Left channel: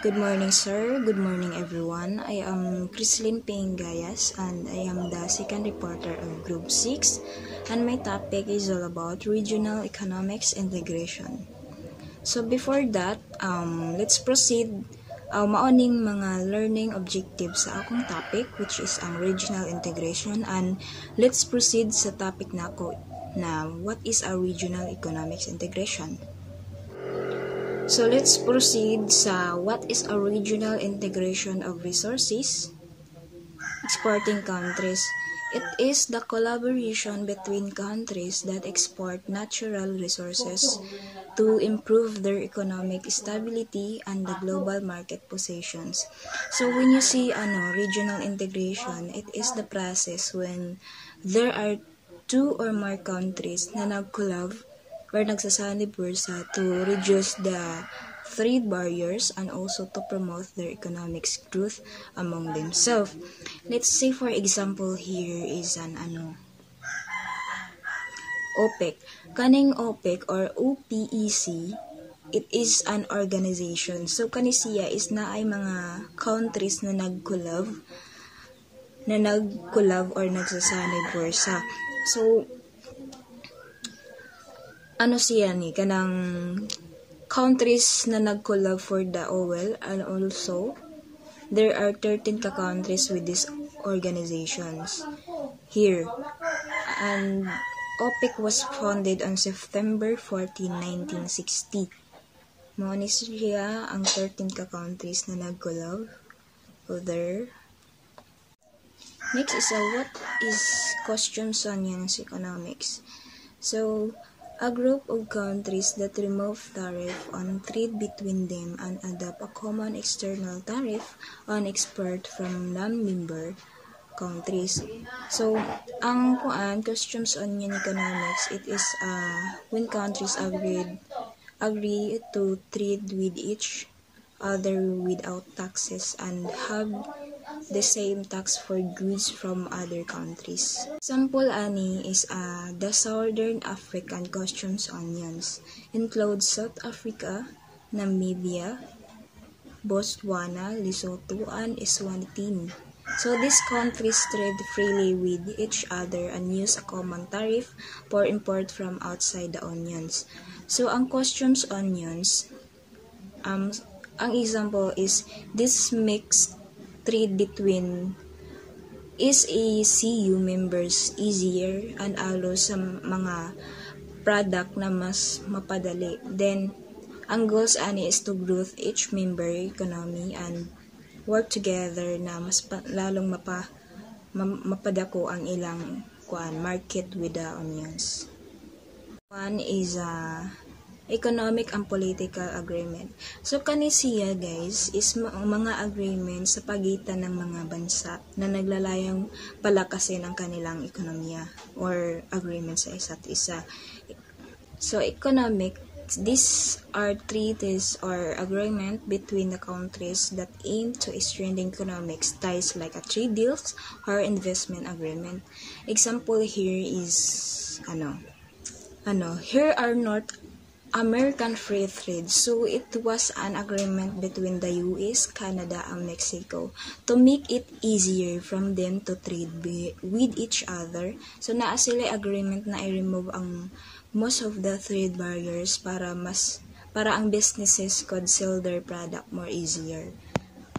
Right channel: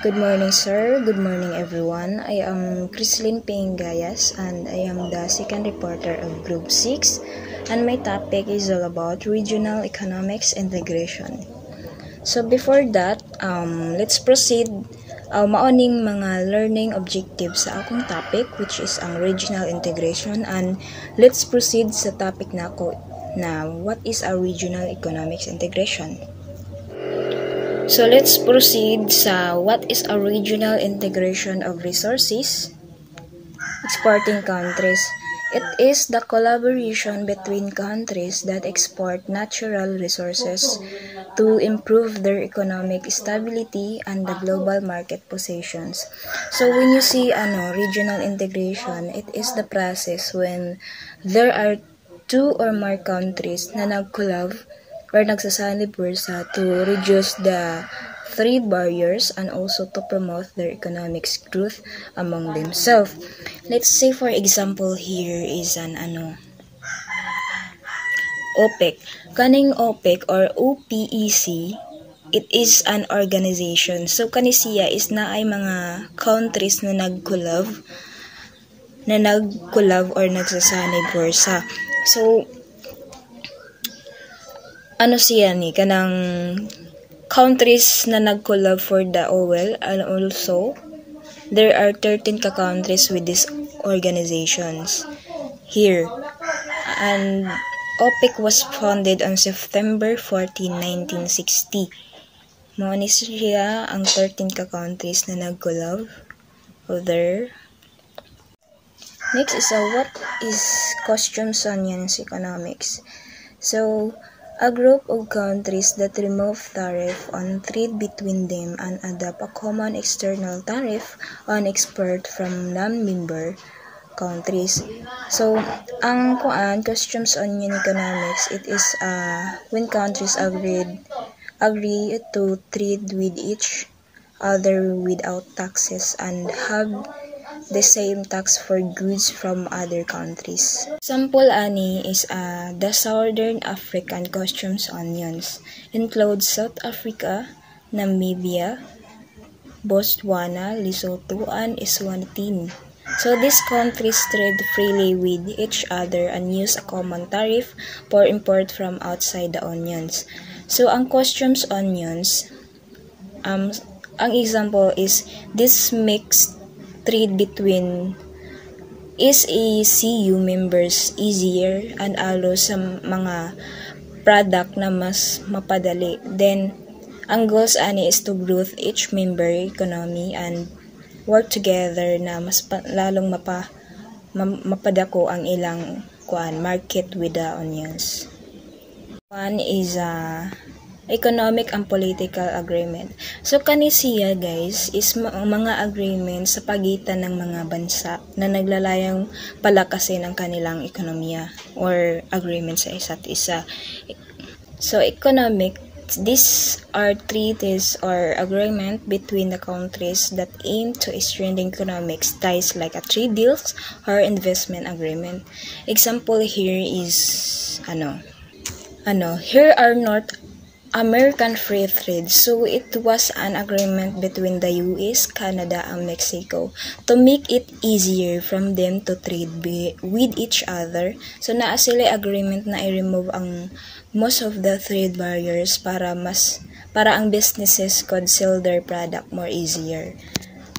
Good morning, sir. Good morning, everyone. I am Crislin Pingayas, and I am the second reporter of Group 6, and my topic is all about regional economics integration. So before that, let's proceed. Maoning mga learning objectives sa akong topic, which is ang regional integration, and let's proceed sa topic nako na what is a regional economics integration. So let's proceed sa what is a regional integration of resources exporting countries. It is the collaboration between countries that export natural resources to improve their economic stability and the global market positions. So when you see regional integration, it is the process when there are two or more countries na nag-collab or nagsasanib bursa to reduce the trade barriers and also to promote their economic growth among themselves. Let's say for example here is an OPEC. Kaning OPEC or OPEC, it is an organization. So kani siya is na ay mga countries na nag-collab or nagsasanib bursa. So siya ni kanang countries na nag-collab for the oil, and also there are 13 countries with these organizations here. And OPEC was founded on September 14, 1960. Mao ni siya ang 13 countries na nag-collab there. Next is what is customs unions economics. So a group of countries that remove tariff on trade between them and adopt a common external tariff on export from non-member countries. So, ang customs union economics, it is when countries agree to trade with each other without taxes and have the same tax for goods from other countries. Example ani is the Southern African customs unions include South Africa, Namibia, Botswana, Lesotho, and Eswatini. So these countries trade freely with each other and use a common tariff for import from outside the unions. So ang customs unions, ang example is this mixed trade between SACU members easier and allows sa mga product na mas mapadali. Then, ang goals ani is to grow each member economy and work together na mas lalong mapadako ang ilang market with the unions. One is economic and political agreement. So kani siya guys is mga agreement sa pagitan ng mga bansa na naglalayang palakasin ang kanilang ekonomiya or agreement sa isa't isa. So economic, these are treaties or agreement between the countries that aim to strengthen economic ties like a trade deals or investment agreement. Example here is here are North American Free Trade. So it was an agreement between the US, Canada, and Mexico to make it easier from them to trade with each other. So naa sila agreement na i-remove ang most of the trade barriers para ang businesses could sell their product more easier.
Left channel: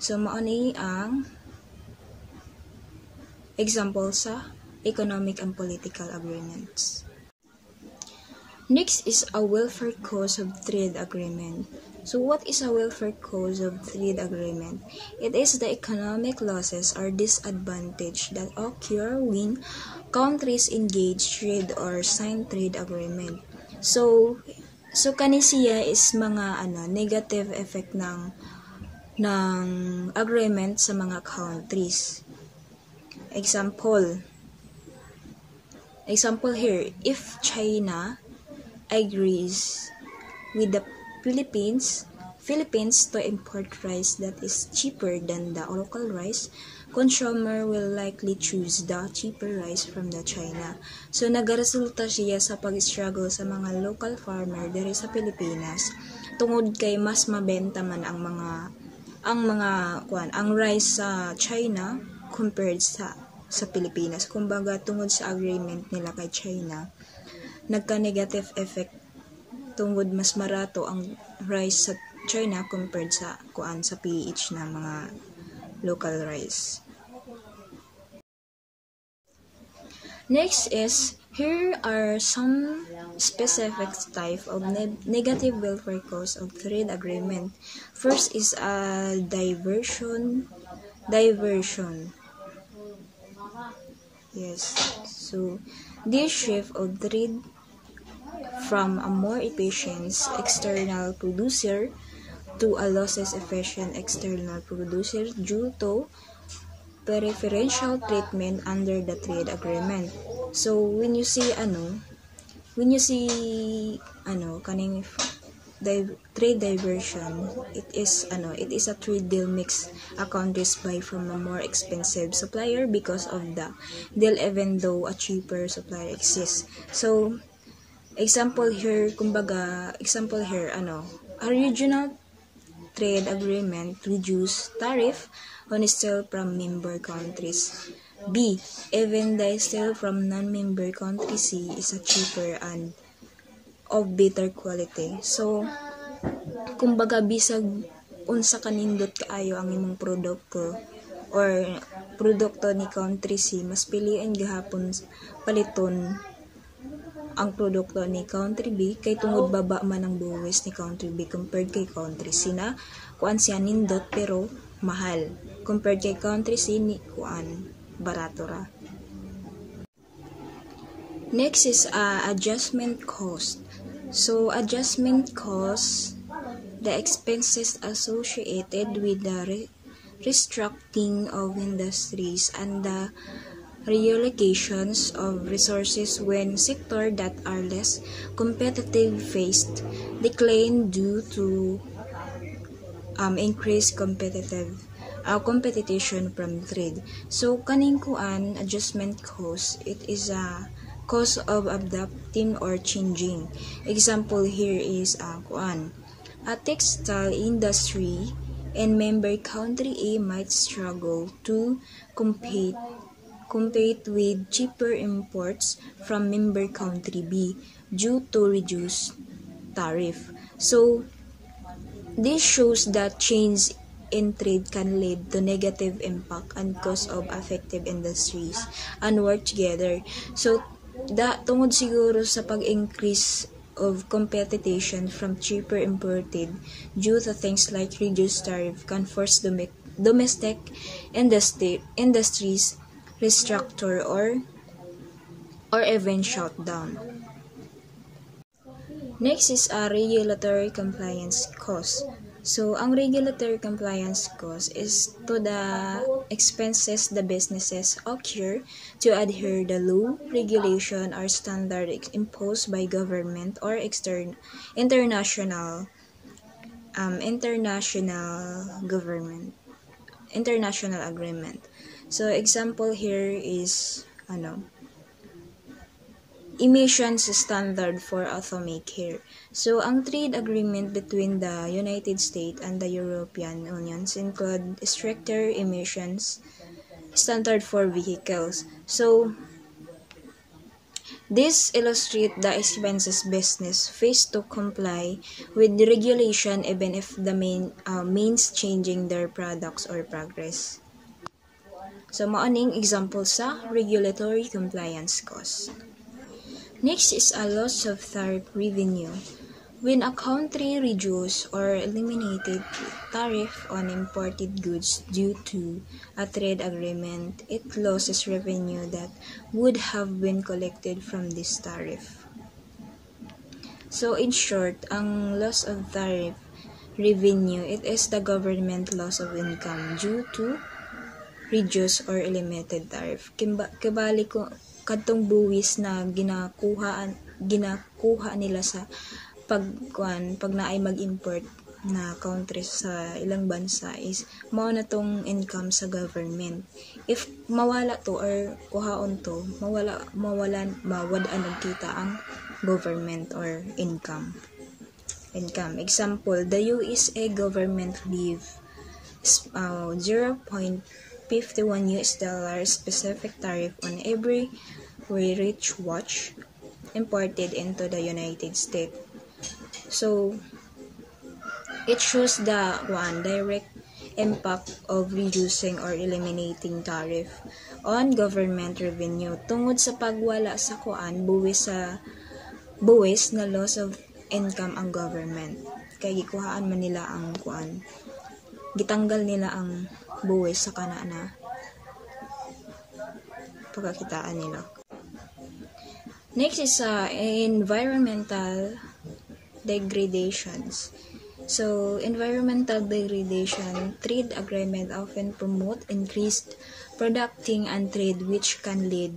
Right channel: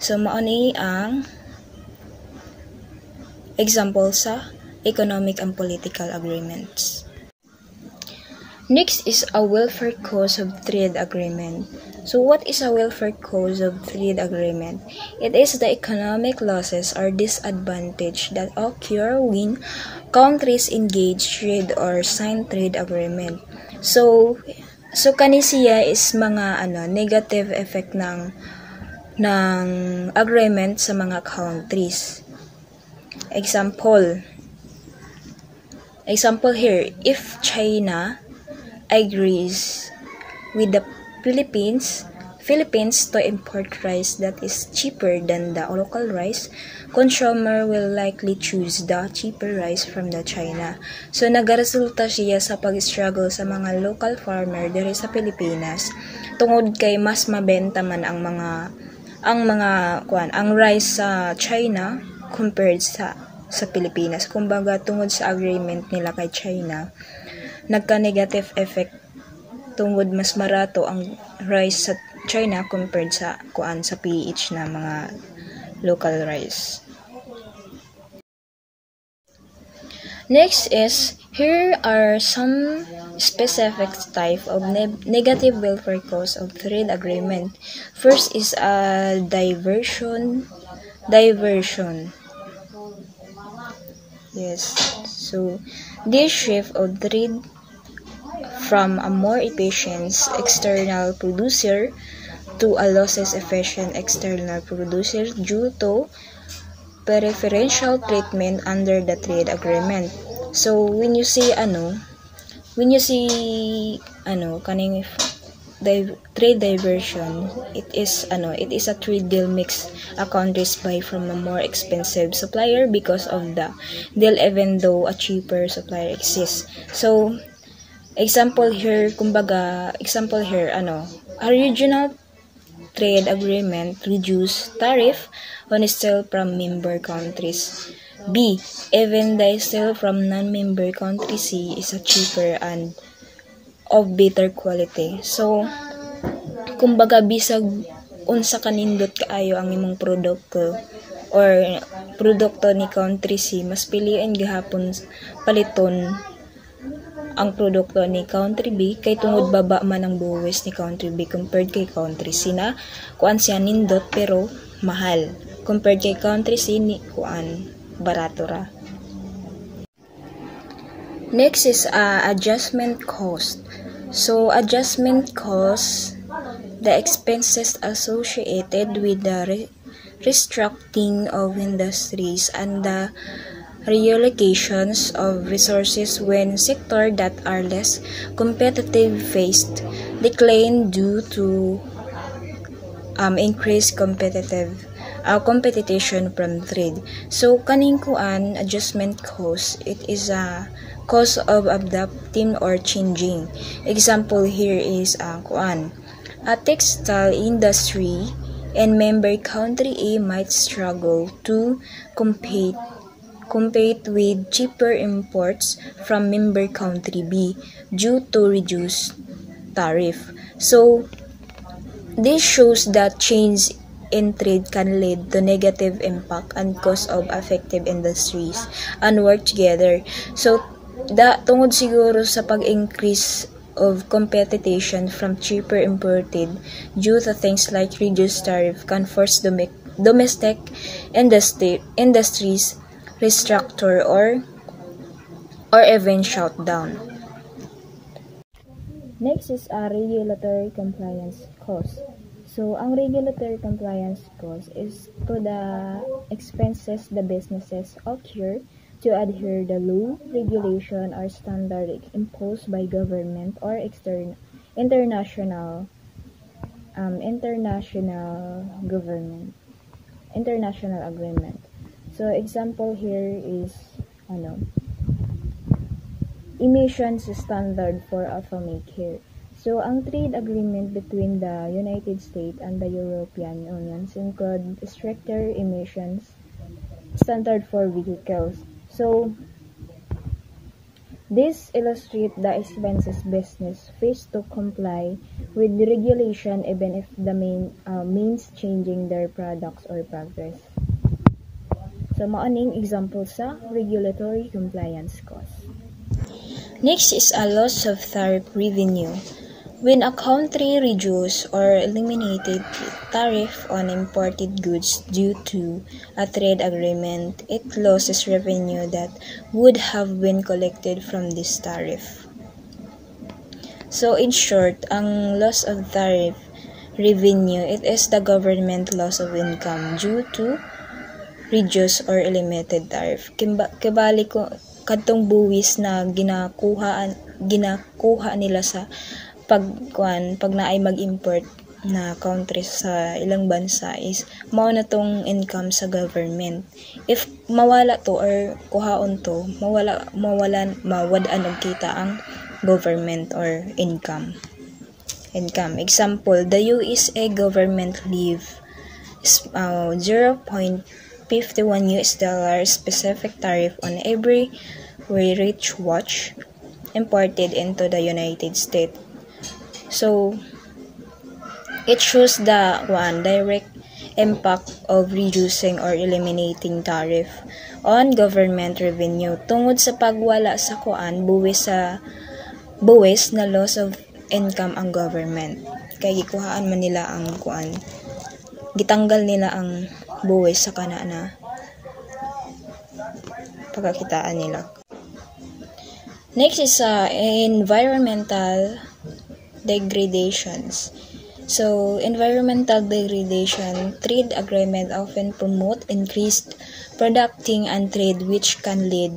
So mao ni ang example sa economic and political agreements. Next is a welfare cause of trade agreement. So what is a welfare cause of trade agreement? It is the economic losses or disadvantage that occur when countries engage trade or sign trade agreement. So kani siya is mga negative effect ng agreement sa mga countries. Example here, if China agrees with the Philippines to import rice that is cheaper than the local rice, consumer will likely choose the cheaper rice from the China. So nagaresulta siya sa pag-struggle sa mga local farmer diri sa Pilipinas tungod kay mas mabenta man ang mga ang rice sa China compared sa Pilipinas. Kumbaga tungod sa agreement nila kay China, nagka-negative effect tungod mas marato ang rice sa China compared sa sa PH na mga local rice. Next is, here are some specific type of negative welfare costs of trade agreement. First is a diversion. Yes. So, this shift of trade from a more efficient external producer to a less efficient external producer due to preferential treatment under the trade agreement. So when you see kaning trade diversion, it is a trade deal makes a countries buy from a more expensive supplier because of the deal, even though a cheaper supplier exists. So example here, a regional trade agreement reduce tariff on steel from member countries. B, even the steel from non-member countries C is a cheaper and of better quality. So, kumbaga bisag unsa kanindot kaayo ang imong produkto or produkto ni country C, mas piliin gihapon paliton ang produkto ni country B kay tungod baba man ang buwis ni country B compared kay country C na siya nindot pero mahal compared kay country C ni barato ra. Next is adjustment cost. So adjustment cost, the expenses associated with the restructuring of industries and the reallocations of resources when sectors that are less competitive faced decline due to increased competition from trade. So kaning adjustment cost, it is a cost of adapting or changing. Example here is a textile industry and member country A might struggle to compete with cheaper imports from member country B due to reduced tariff. So this shows that change in trade can lead to negative impact and cost of affected industries and work together. So tungod siguro sa pag-increase of competition from cheaper imported due to things like reduced tariff can force domestic industries restructure or even shut down. Next is a regulatory compliance cost. So ang regulatory compliance cost is to the expenses the businesses occur to adhere the law, regulation or standard imposed by government or international agreement. So example here is emissions standard for automaker. So ang trade agreement between the United States and the European Union include stricter emissions standard for vehicles. So this illustrates the expenses business face to comply with the regulation even if the means changing their products or progress. So maaning example sa regulatory compliance cost. Next is a loss of tariff revenue. When a country reduces or eliminated tariff on imported goods due to a trade agreement, it loses revenue that would have been collected from this tariff. So in short, ang loss of tariff revenue, it is the government loss of income due to reduced or eliminated tariff. Kibali ko kadtong buwis na ginakuha nila sa pag naay mag-import na country sa ilang bansa is mao na tong income sa government. If mawala to or kuhaon to, mawad-an og kita ang government or income. Example, the USA government leave $0.51 specific tariff on every Wearich watch imported into the United States. So it shows the direct impact of reducing or eliminating tariff on government revenue tungod sa pagwala sa buwis na loss of income ang government. Kaya gikuhaan man nila ang gitanggal nila ang buwis sa kana na pagkakitaan nila. Next is environmental degradations. So, environmental degradation, trade agreement often promote increased producting and trade which can lead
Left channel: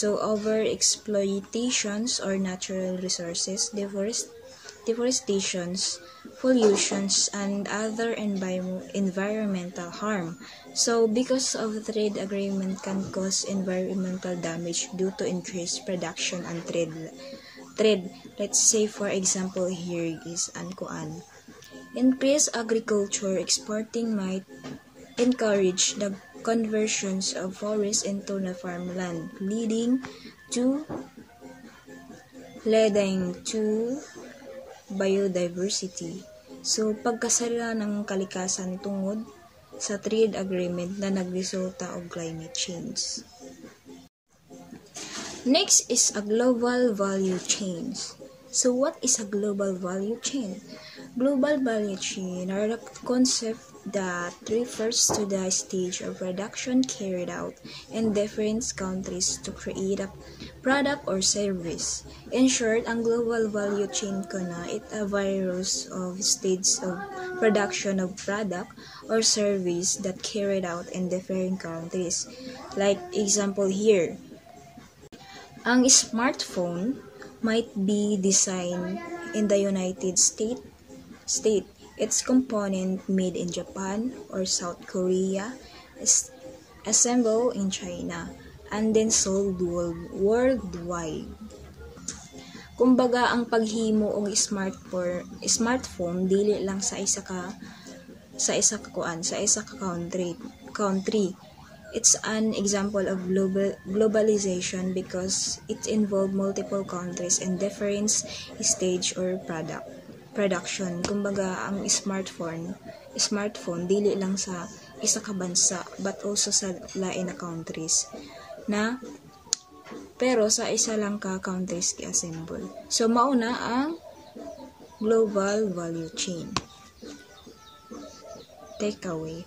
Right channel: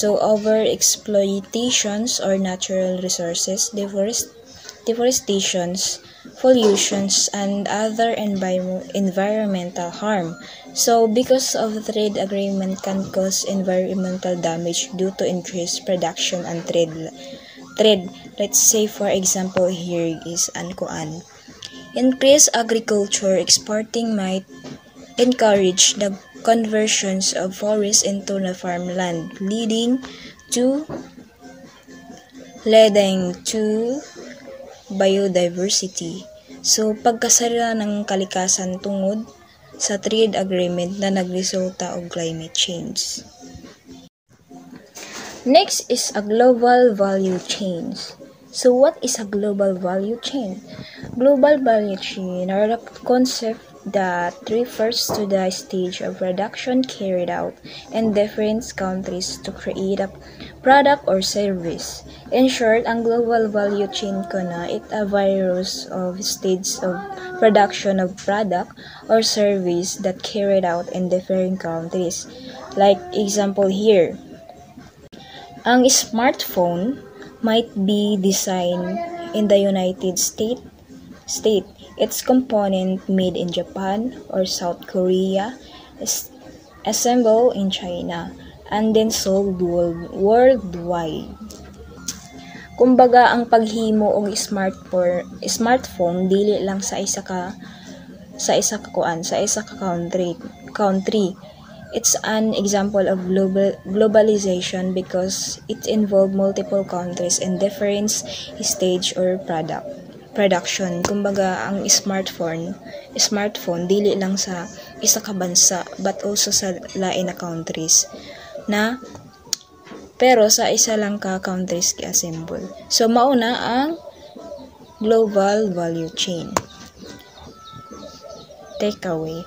to over-exploitations or natural resources, deforestations, pollutions, and other environmental harm. So, because of the trade agreement can cause environmental damage due to increased production and trade. Let's say, for example, here is increased agriculture exporting might encourage the conversions of forests into the farmland, leading to biodiversity. So, pagkasara ng kalikasan tungod sa trade agreement na nagresulta og climate change. Next is a global value chain. So, what is a global value chain? Global value chain are a concept that refers to the stage of production carried out in different countries to create a product or service. In short, ang global value chain it a virus of stages of production of product or service that carried out in different countries. Like example here, ang smartphone might be designed in the United States. Its component made in Japan or South Korea, assembled in China, and then sold worldwide. Kumbaga, ang paghimo og smartphone dili lang sa isa ka country. It's an example of globalization because it involved multiple countries in different stage or production. Kumbaga, ang smartphone dili lang sa isa ka bansa but also sa lain na countries pero sa isa lang ka countries gi-assemble. So mauna ang global value chain. Takeaway